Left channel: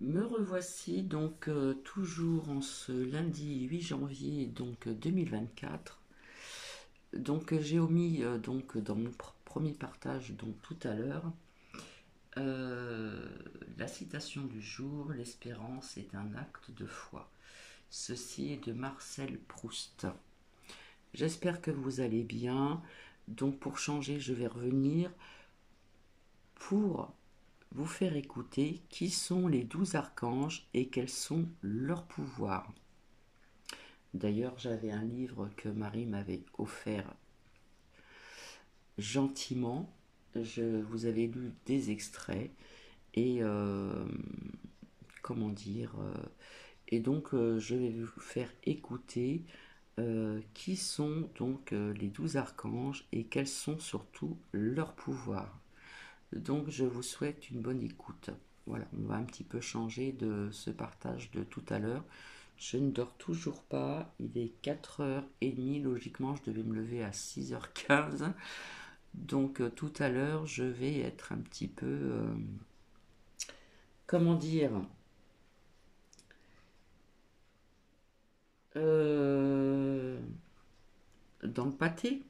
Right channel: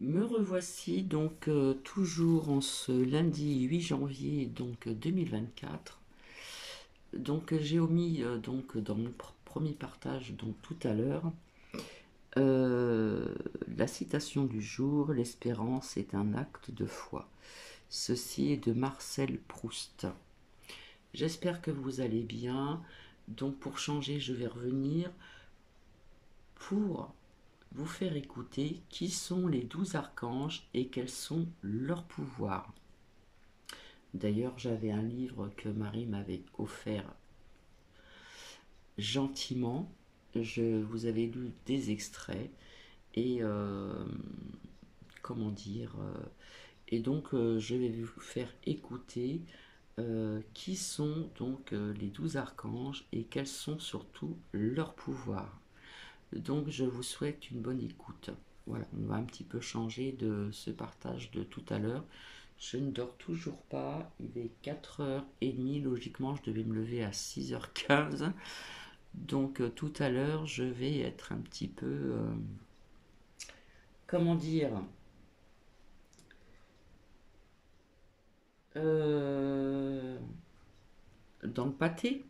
Me revoici donc toujours en ce lundi 8 janvier 2024. J'ai omis dans mon premier partage tout à l'heure euh, la citation du jour: l'espérance est un acte de foi. Ceci est de Marcel Proust. J'espère que vous allez bien. Donc pour changer, je vais revenir pour vous faire écouter qui sont les 12 archanges et quels sont leurs pouvoirs. D'ailleurs, j'avais un livre que Marie m'avait offert gentiment. Je vous avais lu des extraits et comment dire je vais vous faire écouter qui sont les 12 archanges et quels sont surtout leurs pouvoirs. Donc je vous souhaite une bonne écoute. Voilà, on va un petit peu changer de ce partage de tout à l'heure. Je ne dors toujours pas, il est 4h30, logiquement je devais me lever à 6h15. Donc tout à l'heure je vais être un petit peu, comment dire, euh, dans le pâté.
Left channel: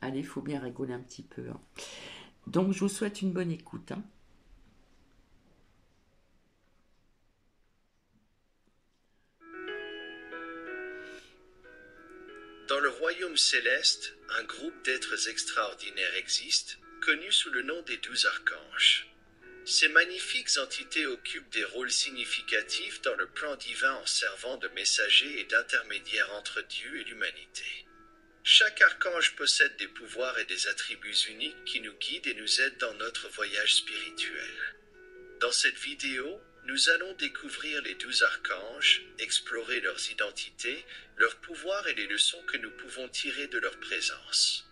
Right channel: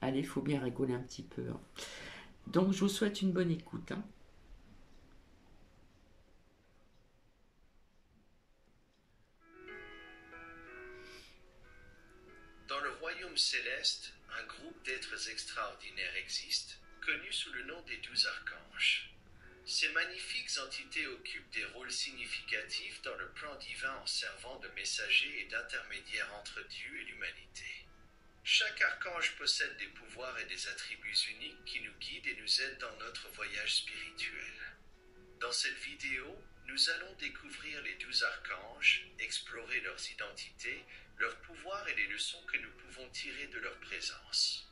Allez, il faut bien rigoler un petit peu, hein. Donc je vous souhaite une bonne écoute, hein. Dans le royaume céleste, un groupe d'êtres extraordinaires existe, connu sous le nom des 12 archanges. Ces magnifiques entités occupent des rôles significatifs dans le plan divin en servant de messagers et d'intermédiaires entre Dieu et l'humanité. Chaque archange possède des pouvoirs et des attributs uniques qui nous guident et nous aident dans notre voyage spirituel. Dans cette vidéo, nous allons découvrir les 12 archanges, explorer leurs identités, leurs pouvoirs et les leçons que nous pouvons tirer de leur présence.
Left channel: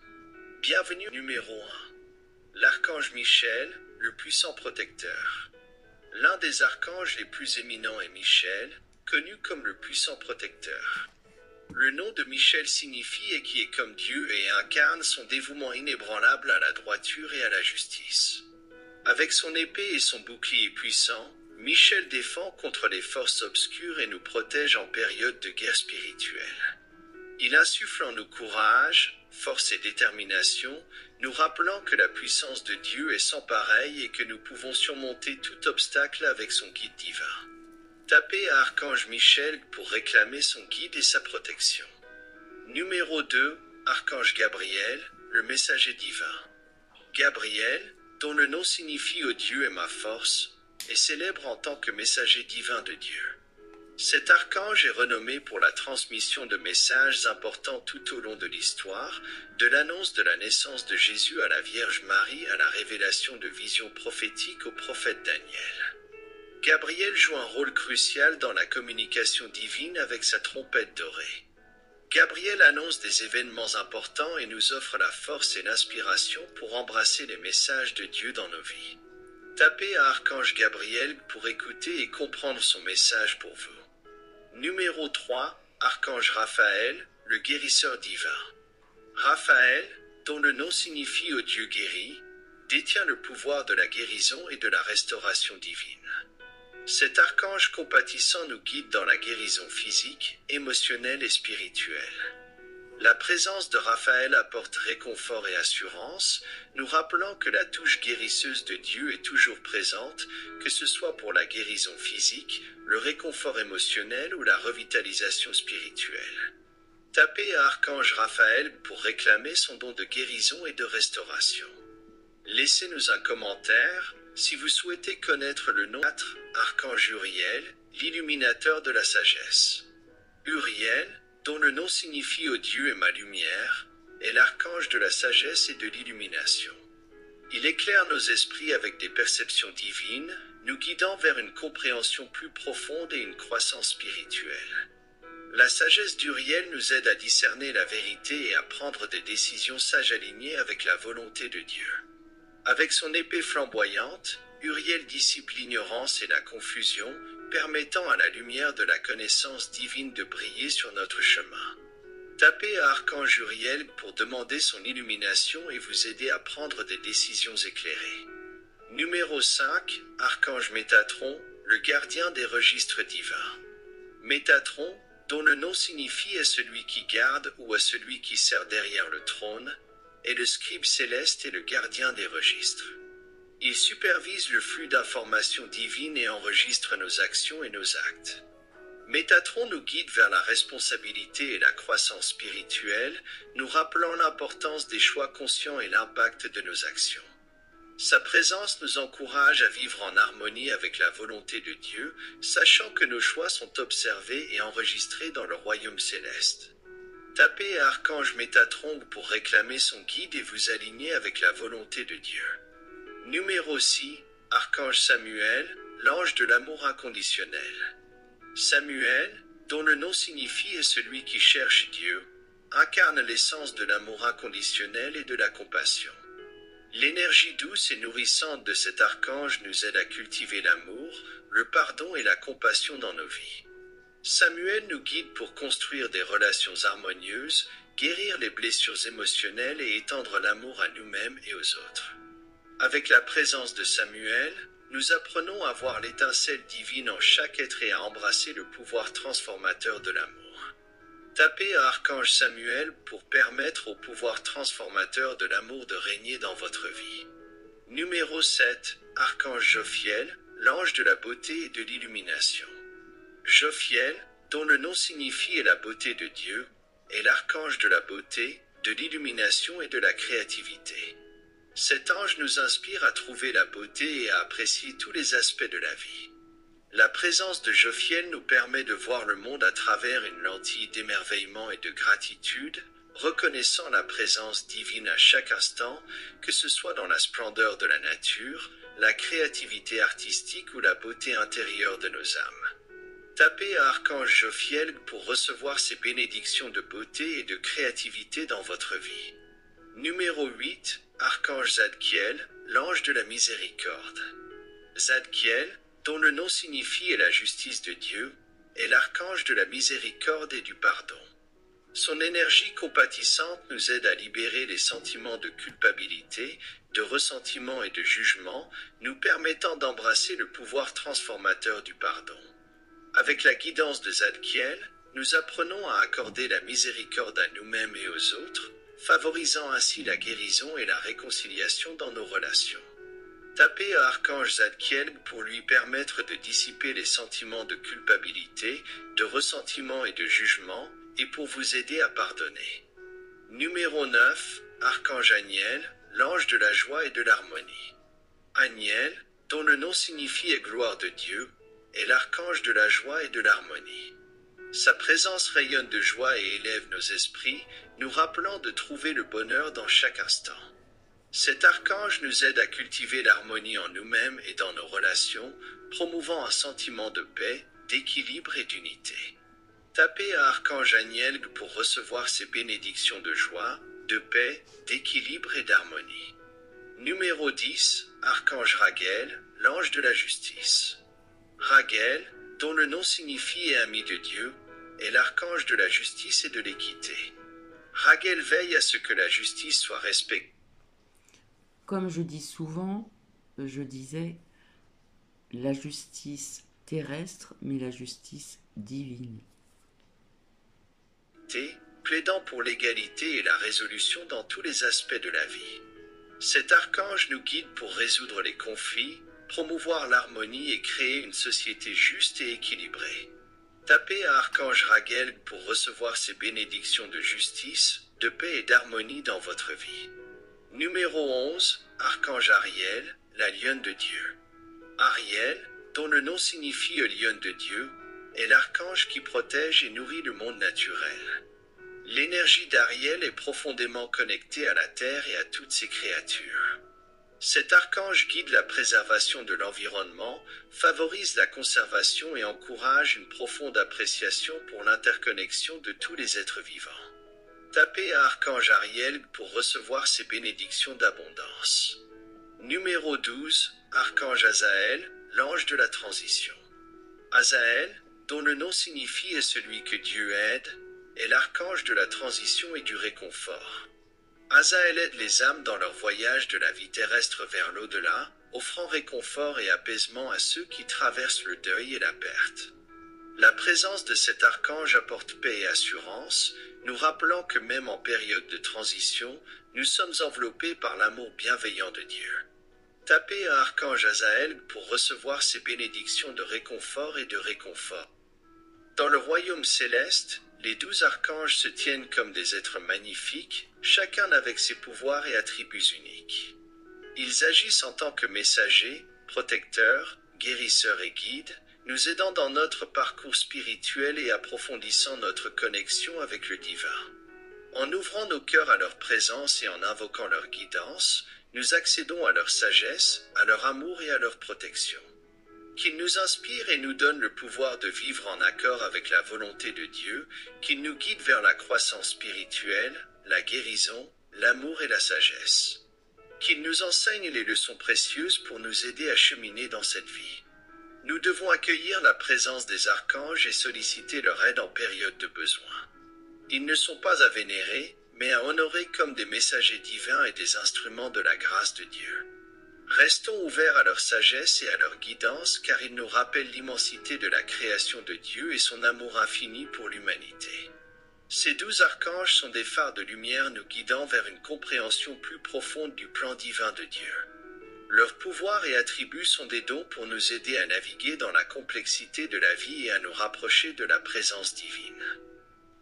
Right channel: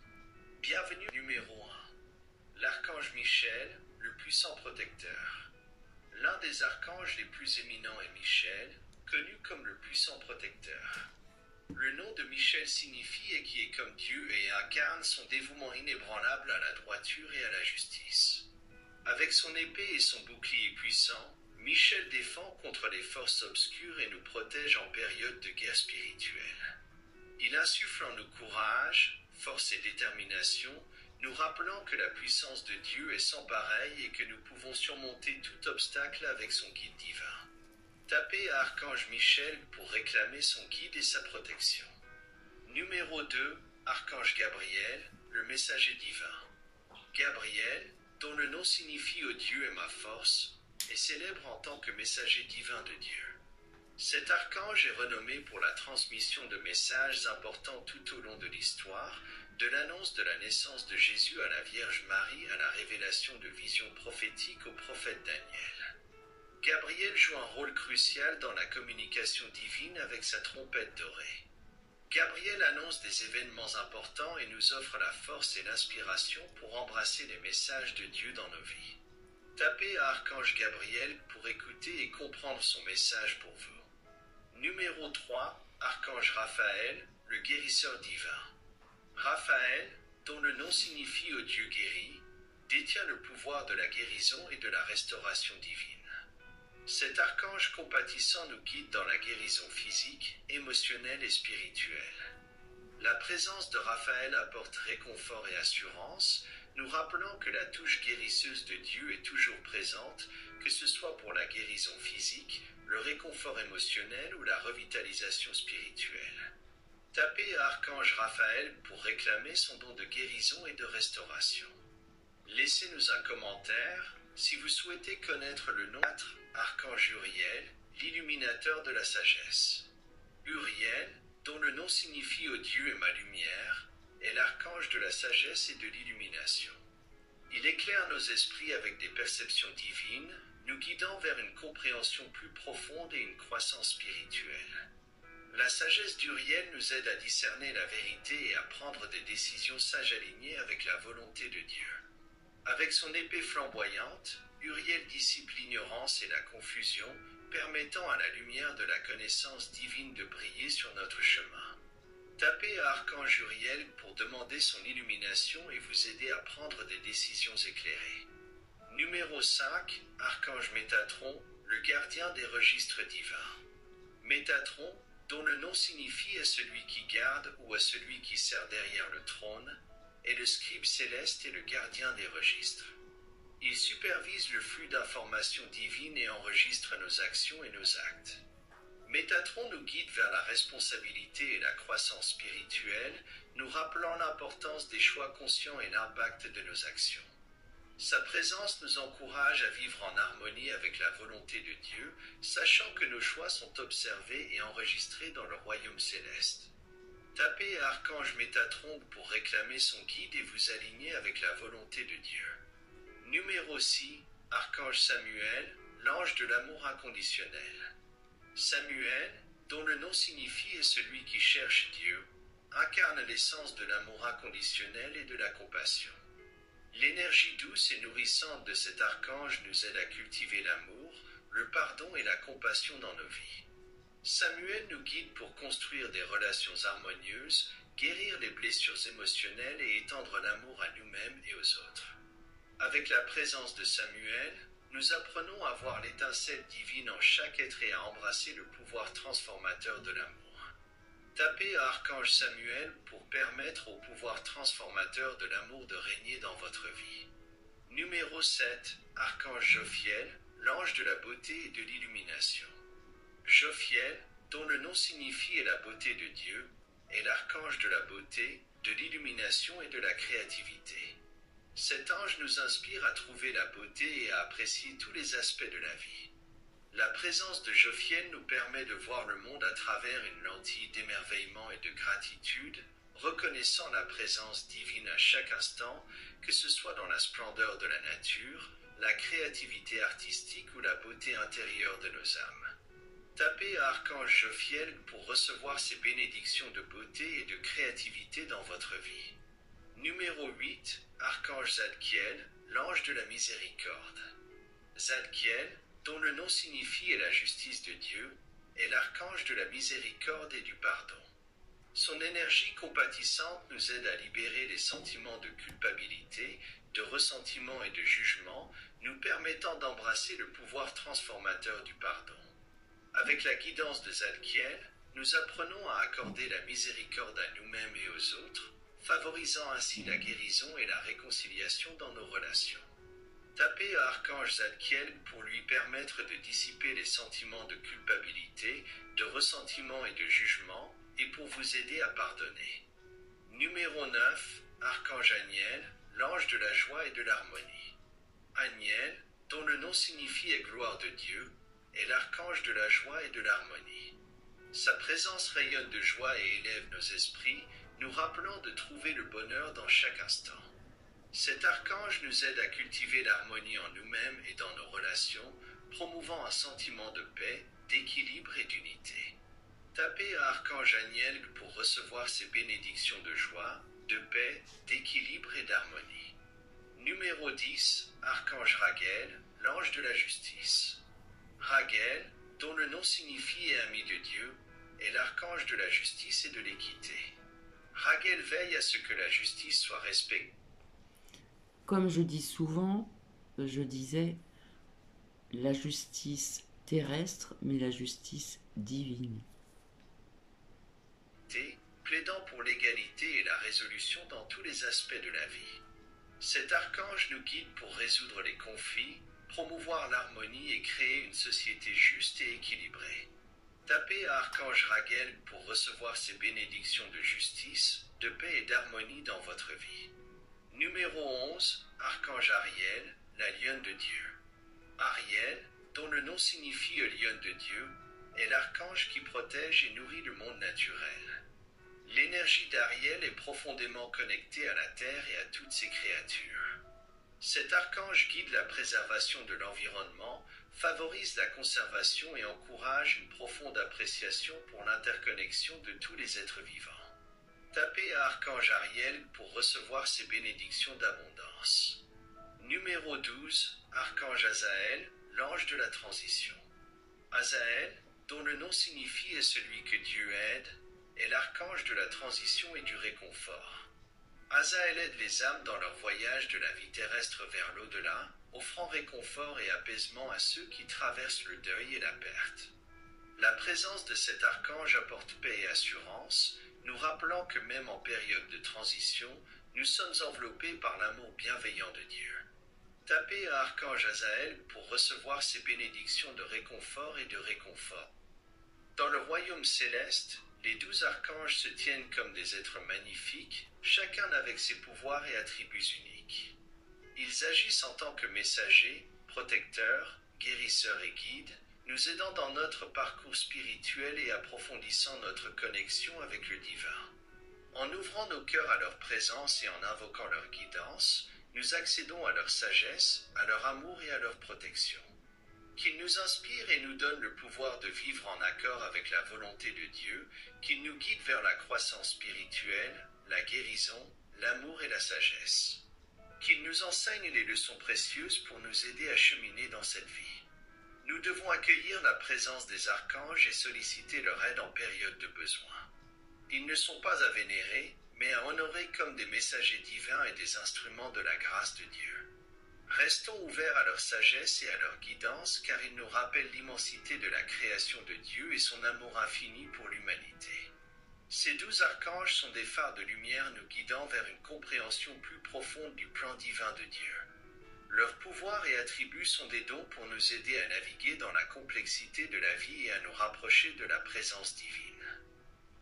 Bienvenue numéro 1. L'archange Michel, le puissant protecteur. L'un des archanges les plus éminents est Michel, connu comme le puissant protecteur. Le nom de Michel signifie et qui est comme Dieu et incarne son dévouement inébranlable à la droiture et à la justice. Avec son épée et son bouclier puissant, Michel défend contre les forces obscures et nous protège en période de guerre spirituelle. Il insuffle en nous courage, force et détermination, nous rappelant que la puissance de Dieu est sans pareil et que nous pouvons surmonter tout obstacle avec son guide divin. Tapez à Archange Michel pour réclamer son guide et sa protection. Numéro 2, Archange Gabriel, le messager divin. Gabriel, dont le nom signifie « Ô Dieu est ma force », est célèbre en tant que messager divin de Dieu. Cet archange est renommé pour la transmission de messages importants tout au long de l'histoire, de l'annonce de la naissance de Jésus à la Vierge Marie à la révélation de visions prophétiques au prophète Daniel. Gabriel joue un rôle crucial dans la communication divine avec sa trompette dorée. Gabriel annonce des événements importants et nous offre la force et l'inspiration pour embrasser les messages de Dieu dans nos vies. Tapez à Archange Gabriel pour écouter et comprendre son message pour vous. Numéro 3, Archange Raphaël, le guérisseur divin. Raphaël, dont le nom signifie « Ô Dieu guéri », détient le pouvoir de la guérison et de la restauration divine. Cet archange compatissant nous guide dans la guérison physique, émotionnelle et spirituelle. La présence de Raphaël apporte réconfort et assurance, nous rappelant que la touche guérisseuse de Dieu est toujours présente, que ce soit pour la guérison physique, le réconfort émotionnel ou la revitalisation spirituelle. Tapez à Archange Raphaël pour réclamer son don de guérison et de restauration. Laissez-nous un commentaire si vous souhaitez connaître le nom 4, Archange Uriel, l'illuminateur de la sagesse. Uriel, dont le nom signifie « Ô Dieu est ma lumière », est l'archange de la sagesse et de l'illumination. Il éclaire nos esprits avec des perceptions divines, nous guidant vers une compréhension plus profonde et une croissance spirituelle. La sagesse d'Uriel nous aide à discerner la vérité et à prendre des décisions sages alignées avec la volonté de Dieu. Avec son épée flamboyante, Uriel dissipe l'ignorance et la confusion, permettant à la lumière de la connaissance divine de briller sur notre chemin. Tapez à Archange Uriel pour demander son illumination et vous aider à prendre des décisions éclairées. Numéro 5, Archange Métatron, le gardien des registres divins. Métatron, dont le nom signifie à celui qui garde ou à celui qui sert derrière le trône, est le scribe céleste et le gardien des registres. Il supervise le flux d'informations divines et enregistre nos actions et nos actes. Métatron nous guide vers la responsabilité et la croissance spirituelle, nous rappelant l'importance des choix conscients et l'impact de nos actions. Sa présence nous encourage à vivre en harmonie avec la volonté de Dieu, sachant que nos choix sont observés et enregistrés dans le royaume céleste. Tapez Archange Métatron pour réclamer son guide et vous aligner avec la volonté de Dieu. Numéro 6, Archange Samuel, l'ange de l'amour inconditionnel. Samuel, dont le nom signifie est celui qui cherche Dieu, incarne l'essence de l'amour inconditionnel et de la compassion. L'énergie douce et nourrissante de cet archange nous aide à cultiver l'amour, le pardon et la compassion dans nos vies. Samuel nous guide pour construire des relations harmonieuses, guérir les blessures émotionnelles et étendre l'amour à nous-mêmes et aux autres. Avec la présence de Samuel, nous apprenons à voir l'étincelle divine en chaque être et à embrasser le pouvoir transformateur de l'amour. Tapez à Archange Samuel pour permettre au pouvoir transformateur de l'amour de régner dans votre vie. Numéro 7, Archange Jophiel, l'ange de la beauté et de l'illumination. Jophiel, dont le nom signifie la beauté de Dieu, est l'archange de la beauté, de l'illumination et de la créativité. Cet ange nous inspire à trouver la beauté et à apprécier tous les aspects de la vie. La présence de Jophiel nous permet de voir le monde à travers une lentille d'émerveillement et de gratitude, reconnaissant la présence divine à chaque instant, que ce soit dans la splendeur de la nature, la créativité artistique ou la beauté intérieure de nos âmes. Tapez à Archange Jophiel pour recevoir ses bénédictions de beauté et de créativité dans votre vie. Numéro 8, Archange Zadkiel, l'ange de la miséricorde. Zadkiel, dont le nom signifie la justice de Dieu, est l'archange de la miséricorde et du pardon. Son énergie compatissante nous aide à libérer les sentiments de culpabilité, de ressentiment et de jugement, nous permettant d'embrasser le pouvoir transformateur du pardon. Avec la guidance de Zadkiel, nous apprenons à accorder la miséricorde à nous-mêmes et aux autres, favorisant ainsi la guérison et la réconciliation dans nos relations. Tapez à Archange Zadkiel pour lui permettre de dissiper les sentiments de culpabilité, de ressentiment et de jugement, et pour vous aider à pardonner. Numéro 9, Archange Aniel, l'ange de la joie et de l'harmonie. Aniel, dont le nom signifie gloire de Dieu, est l'archange de la joie et de l'harmonie. Sa présence rayonne de joie et élève nos esprits, nous rappelant de trouver le bonheur dans chaque instant. Cet archange nous aide à cultiver l'harmonie en nous-mêmes et dans nos relations, promouvant un sentiment de paix, d'équilibre et d'unité. Tapez à Archange Aniel pour recevoir ses bénédictions de joie, de paix, d'équilibre et d'harmonie. Numéro 10, Archange Raguel, l'ange de la justice. Raguel, dont le nom signifie ami de Dieu, est l'archange de la justice et de l'équité. Raguel veille à ce que la justice soit respectée. Comme je dis souvent, je disais la justice terrestre, mais la justice divine. Plaidant pour l'égalité et la résolution dans tous les aspects de la vie. Cet archange nous guide pour résoudre les conflits, promouvoir l'harmonie et créer une société juste et équilibrée. Tapez à Archange Raguel pour recevoir ses bénédictions de justice, de paix et d'harmonie dans votre vie. Numéro 11, Archange Ariel, la lionne de Dieu. Ariel, dont le nom signifie lionne de Dieu, est l'archange qui protège et nourrit le monde naturel. L'énergie d'Ariel est profondément connectée à la Terre et à toutes ses créatures. Cet archange guide la préservation de l'environnement, favorise la conservation et encourage une profonde appréciation pour l'interconnexion de tous les êtres vivants. Tapez à Archange Ariel pour recevoir ses bénédictions d'abondance. Numéro 12, Archange Azaël, l'ange de la transition. Azaël, dont le nom signifie est celui que Dieu aide, est l'archange de la transition et du réconfort. Azaël aide les âmes dans leur voyage de la vie terrestre vers l'au-delà, offrant réconfort et apaisement à ceux qui traversent le deuil et la perte. La présence de cet archange apporte paix et assurance, nous rappelant que même en période de transition, nous sommes enveloppés par l'amour bienveillant de Dieu. Tapez un archange Azaël pour recevoir ses bénédictions de réconfort et de réconfort. Dans le royaume céleste, les 12 archanges se tiennent comme des êtres magnifiques, chacun avec ses pouvoirs et attributs uniques. Ils agissent en tant que messagers, protecteurs, guérisseurs et guides, nous aidant dans notre parcours spirituel et approfondissant notre connexion avec le divin. En ouvrant nos cœurs à leur présence et en invoquant leur guidance, nous accédons à leur sagesse, à leur amour et à leur protection. Qu'ils nous inspirent et nous donnent le pouvoir de vivre en accord avec la volonté de Dieu, qu'ils nous guident vers la croissance spirituelle, la guérison, l'amour et la sagesse. Qu'ils nous enseignent les leçons précieuses pour nous aider à cheminer dans cette vie. Nous devons accueillir la présence des archanges et solliciter leur aide en période de besoin. Ils ne sont pas à vénérer, mais à honorer comme des messagers divins et des instruments de la grâce de Dieu. Restons ouverts à leur sagesse et à leur guidance, car ils nous rappellent l'immensité de la création de Dieu et son amour infini pour l'humanité. Ces 12 archanges sont des phares de lumière nous guidant vers une compréhension plus profonde du plan divin de Dieu. Leurs pouvoirs et attributs sont des dons pour nous aider à naviguer dans la complexité de la vie et à nous rapprocher de la présence divine.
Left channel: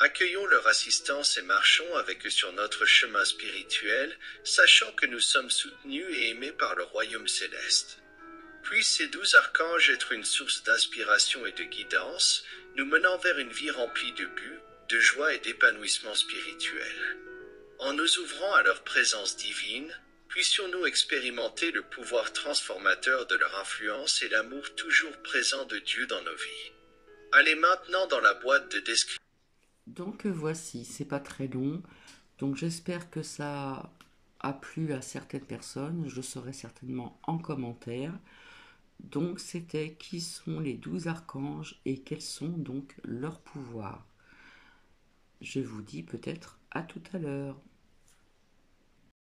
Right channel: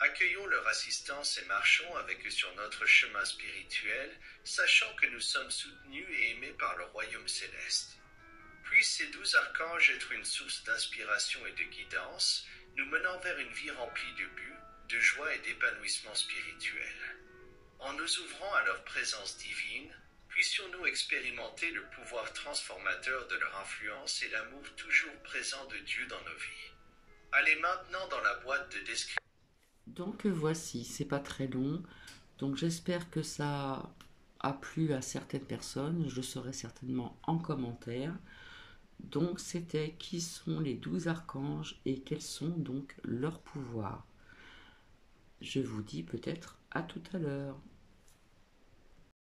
Accueillons leur assistance et marchons avec eux sur notre chemin spirituel, sachant que nous sommes soutenus et aimés par le royaume céleste. Puissent ces 12 archanges être une source d'inspiration et de guidance, nous menant vers une vie remplie de buts, de joie et d'épanouissement spirituel. En nous ouvrant à leur présence divine, puissions-nous expérimenter le pouvoir transformateur de leur influence et l'amour toujours présent de Dieu dans nos vies. Allez maintenant dans la boîte de description. Donc voici, c'est pas très long, donc j'espère que ça a plu à certaines personnes, je le saurai certainement en commentaire. Donc c'était qui sont les 12 archanges et quels sont donc leurs pouvoirs. Je vous dis peut-être à tout à l'heure.